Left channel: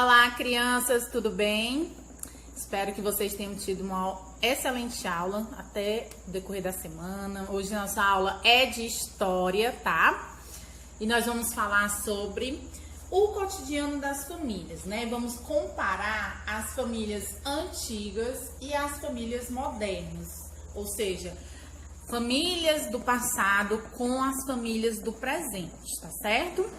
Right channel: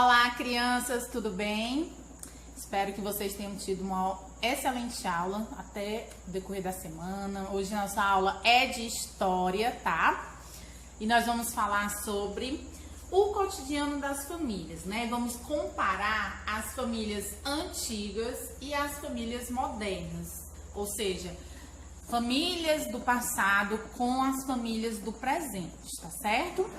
Olá, crianças, tudo bem? Espero que vocês tenham tido uma excelente aula até o decorrer da semana. Hoje nossa aula é de história, tá? E nós vamos falar sobre o cotidiano das famílias, né? Vamos comparar as famílias antigas e as famílias modernas, ou seja, famílias do passado com as famílias do presente, tá certo?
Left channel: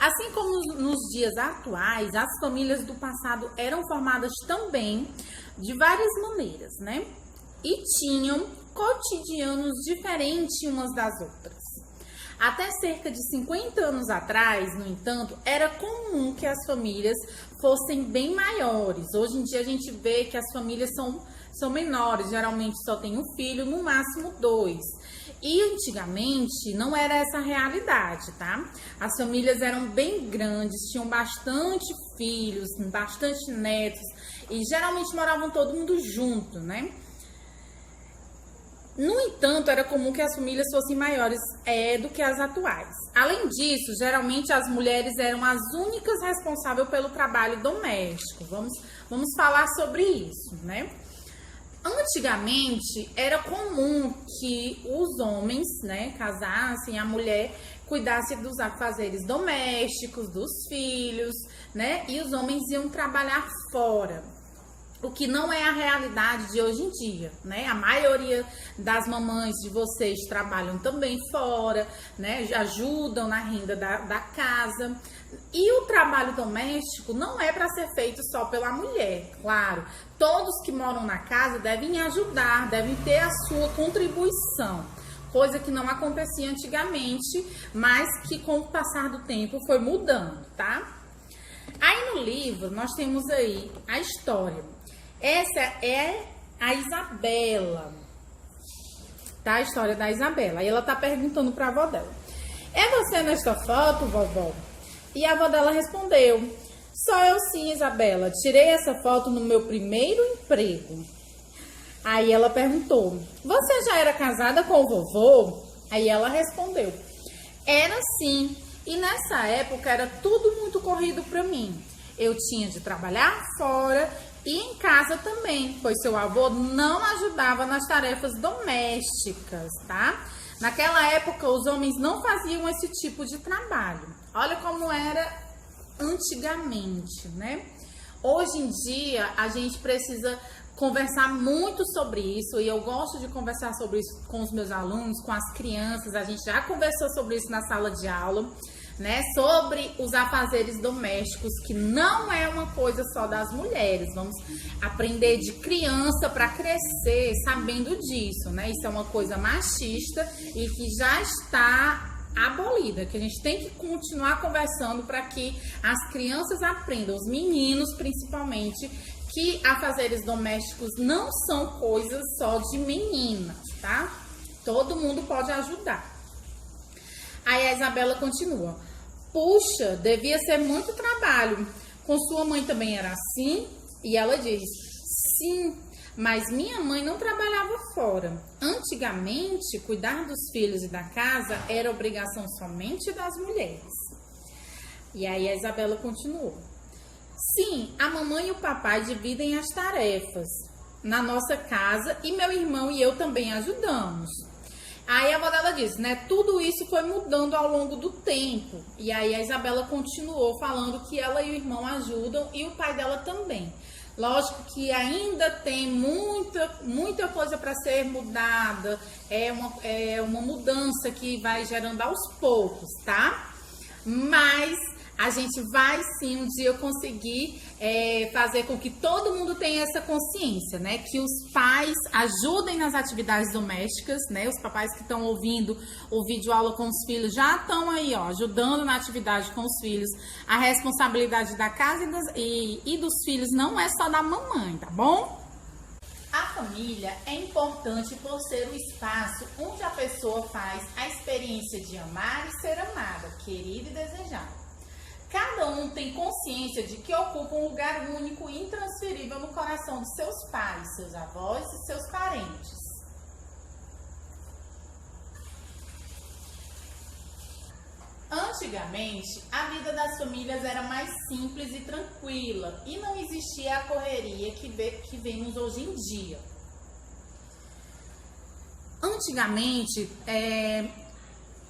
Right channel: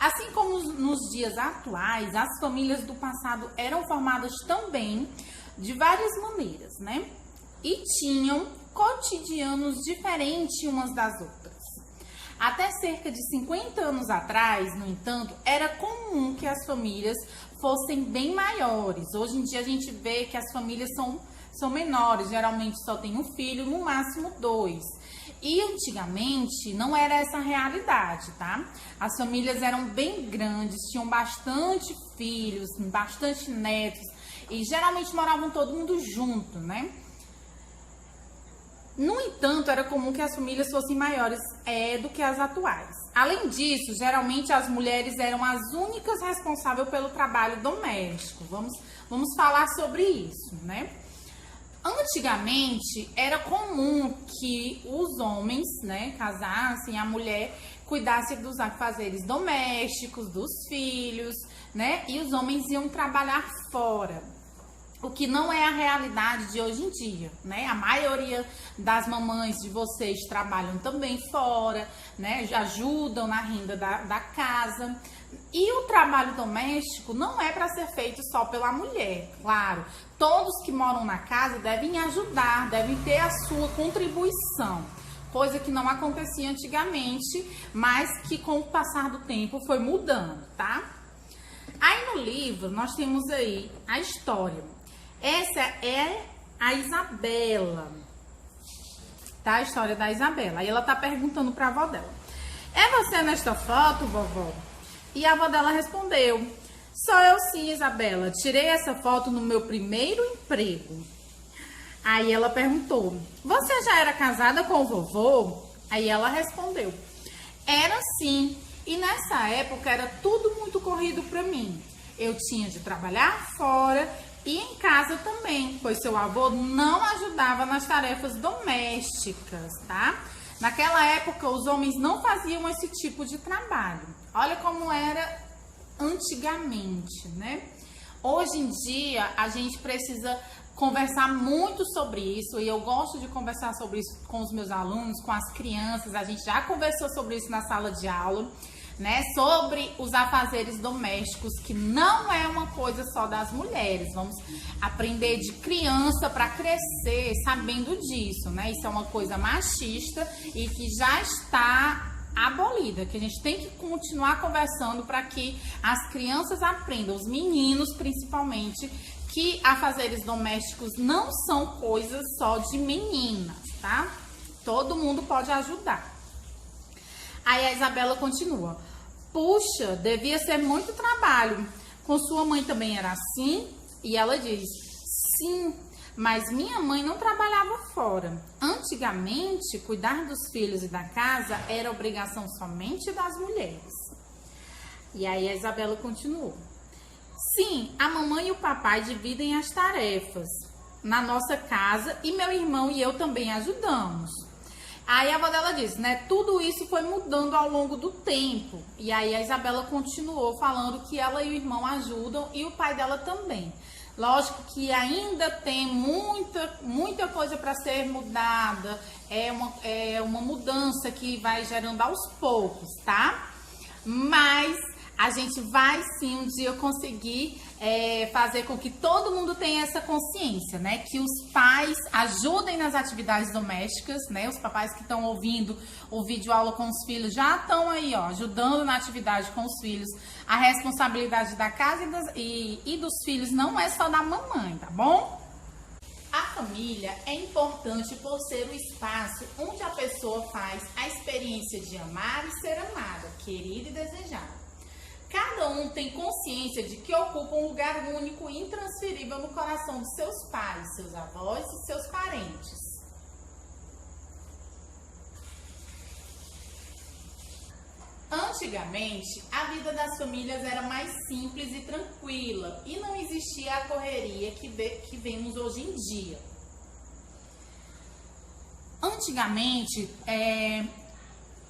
Assim como nos dias atuais, as famílias do passado eram formadas também de várias maneiras, né? E tinham cotidianos diferentes umas das outras. Até cerca de 50 anos atrás, no entanto, era comum que as famílias fossem bem maiores. Hoje em dia a gente vê que as famílias são menores, geralmente só tem um filho, no máximo 2. E antigamente não era essa a realidade, tá? As famílias eram bem grandes, tinham bastante filhos, bastante netos e geralmente moravam todo mundo junto, né? No entanto, era comum que as famílias fossem maiores do que as atuais. Além disso, geralmente as mulheres eram as únicas responsáveis pelo trabalho doméstico. Vamos falar sobre isso, né? Antigamente, era comum que os homens, né, casassem, a mulher cuidasse dos afazeres domésticos, dos filhos, né, e os homens iam trabalhar fora. O que não é a realidade de hoje em dia, né? A maioria das mamães de vocês trabalham também fora, né? Ajudam na renda da casa. E o trabalho doméstico não é para ser feito só pela mulher, claro. Todos que moram na casa devem ajudar, devem ter a sua contribuição, coisa que não acontecia antigamente, mas que com o passar do tempo foi mudando, tá? Aí no livro nós temos aí a história. Essa é a Isabela, tá? A história da Isabela. Aí ela tá perguntando pra avó dela: é você nesta foto, vovó? E a avó dela respondeu: sou eu sim, Isabela. Tirei essa foto no meu primeiro emprego. Aí ela perguntou: você já era casada com o vovô? Aí ela respondeu: era sim. E nessa época era tudo muito corrido pra mim. Eu tinha de trabalhar fora e em casa também, pois seu avô não ajudava nas tarefas domésticas, tá? Naquela época, os homens não faziam esse tipo de trabalho. Olha como era antigamente, né? Hoje em dia, a gente precisa conversar muito sobre isso, e eu gosto de conversar sobre isso com os meus alunos, com as crianças. A gente já conversou sobre isso na sala de aula, né? Sobre os afazeres domésticos, que não é uma coisa só das mulheres. Vamos aprender de criança para crescer sabendo disso, né? Isso é uma coisa machista e que já está abolida, que a gente tem que continuar conversando para que as crianças aprendam, os meninos principalmente, que afazeres domésticos não são coisas só de meninas, tá? Todo mundo pode ajudar. Aí a Isabela continua: puxa, devia ser muito trabalho. Com sua mãe também era assim? E ela diz: sim, mas minha mãe não trabalhava fora. Antigamente, cuidar dos filhos e da casa era obrigação somente das mulheres. E aí a Isabela continuou: sim, a mamãe e o papai dividem as tarefas na nossa casa e meu irmão e eu também ajudamos. Aí a avó dela disse, né, tudo isso foi mudando ao longo do tempo. E aí a Isabela continuou falando que ela e o irmão ajudam e o pai dela também. Lógico que ainda tem muita coisa para ser mudada, é uma mudança que vai gerando aos poucos, tá? Mas a gente vai sim um dia conseguir fazer com que todo mundo tenha essa consciência, né? Que os pais ajudem nas atividades domésticas, né? Os papais que estão ouvindo o vídeo aula com os filhos já estão aí, ó, ajudando na atividade com os filhos. A responsabilidade da casa e dos filhos não é só da mamãe, tá bom? A família é importante por ser o espaço onde a pessoa faz a experiência de amar e ser amada, querida e desejada. Cada um tem consciência de que ocupa um lugar único e intransferível no coração de seus pais, seus avós e seus parentes. Antes Antigamente, a vida das famílias era mais simples e tranquila e não existia a correria que vemos hoje em dia. Antigamente,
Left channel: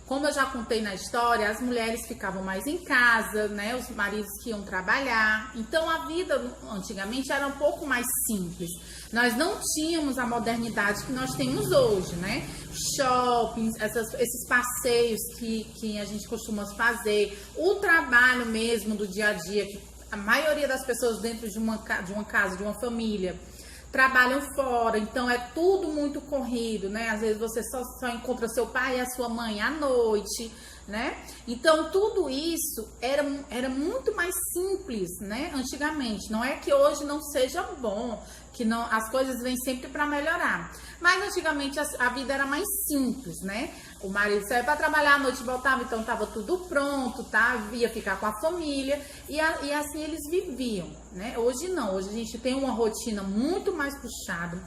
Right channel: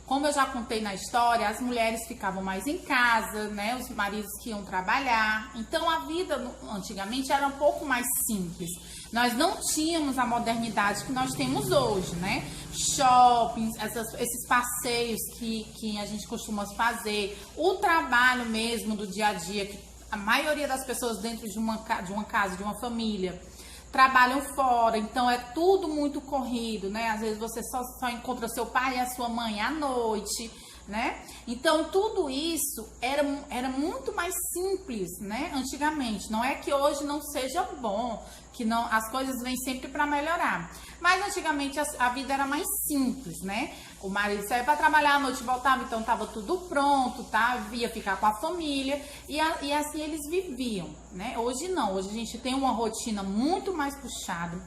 como eu já contei na história, as mulheres ficavam mais em casa, né? Os maridos que iam trabalhar. Então a vida antigamente era um pouco mais simples. Nós não tínhamos a modernidade que nós temos hoje, né? Shoppings, esses passeios que a gente costuma fazer, o trabalho mesmo do dia a dia, que a maioria das pessoas dentro de uma casa, de uma família, trabalham fora, então é tudo muito corrido, né? Às vezes você só encontra seu pai e a sua mãe à noite, né? Então tudo isso era muito mais simples, né? Antigamente, não é que hoje não seja bom, que não, as coisas vêm sempre para melhorar, mas antigamente a vida era mais simples, né? O marido saía para trabalhar, à noite voltava, então estava tudo pronto, tá? Ia ficar com a família e assim eles viviam, né? Hoje não, hoje a gente tem uma rotina muito mais puxada.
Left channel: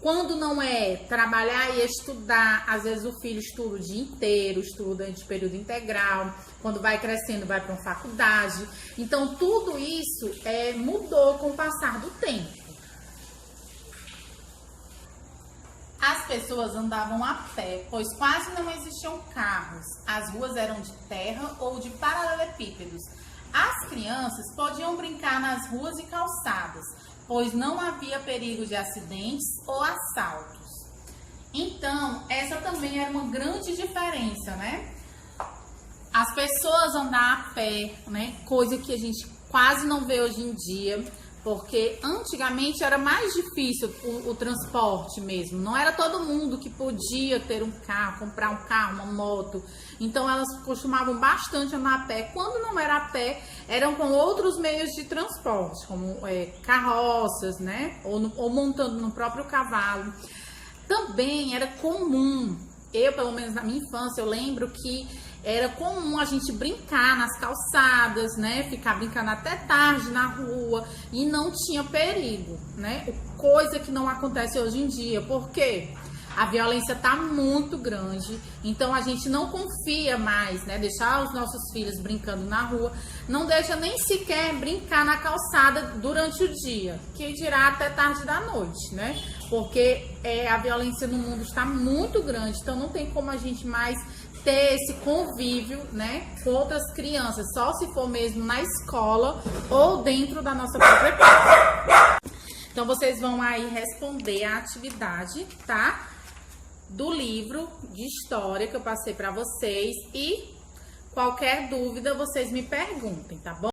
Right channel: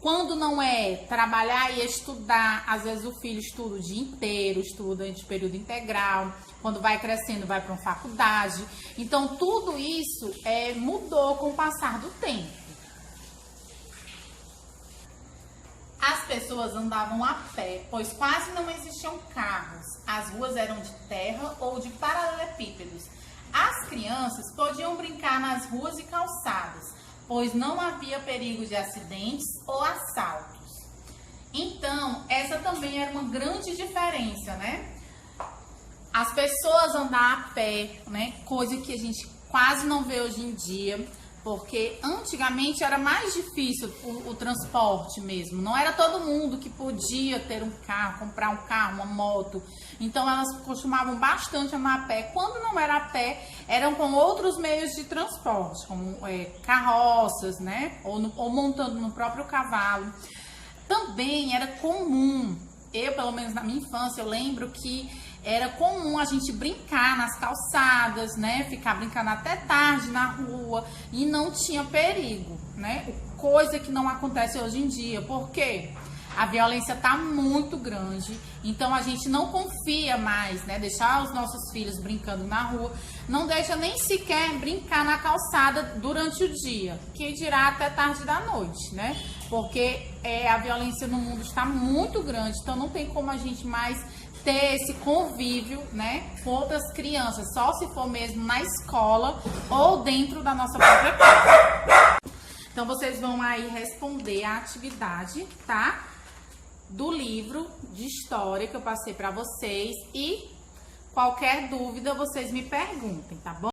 Quando não é trabalhar e estudar, às vezes o filho estuda o dia inteiro, estuda de período integral, quando vai crescendo vai para uma faculdade. Então tudo isso mudou com o passar do tempo. As pessoas andavam a pé, pois quase não existiam carros. As ruas eram de terra ou de paralelepípedos. As crianças podiam brincar nas ruas e calçadas, pois não havia perigo de acidentes ou assaltos. Então, essa também era uma grande diferença, né? As pessoas andar a pé, né? Coisa que a gente quase não vê hoje em dia. Porque antigamente era mais difícil o transporte mesmo. Não era todo mundo que podia ter um carro, comprar um carro, uma moto. Então elas costumavam bastante andar a pé. Quando não era a pé, eram com outros meios de transporte, como carroças, né? Ou montando no próprio cavalo. Também era comum, pelo menos na minha infância, eu lembro que era comum a gente brincar nas calçadas, né? Ficar brincando até tarde na rua e não tinha perigo, né? Coisa que não acontece hoje em dia. Por quê? A violência tá muito grande, então a gente não confia mais, né? Deixar os nossos filhos brincando na rua, não deixa nem sequer brincar na calçada durante o dia, que dirá até tarde da noite, né? Porque a violência no mundo está muito grande, então não tem como a gente mais ter esse convívio, né, com outras crianças, só se for mesmo na escola ou dentro da nossa própria casa. Então vocês vão aí responder a atividade, tá? Do livro de história que eu passei para vocês e qualquer dúvida vocês me perguntem, tá bom?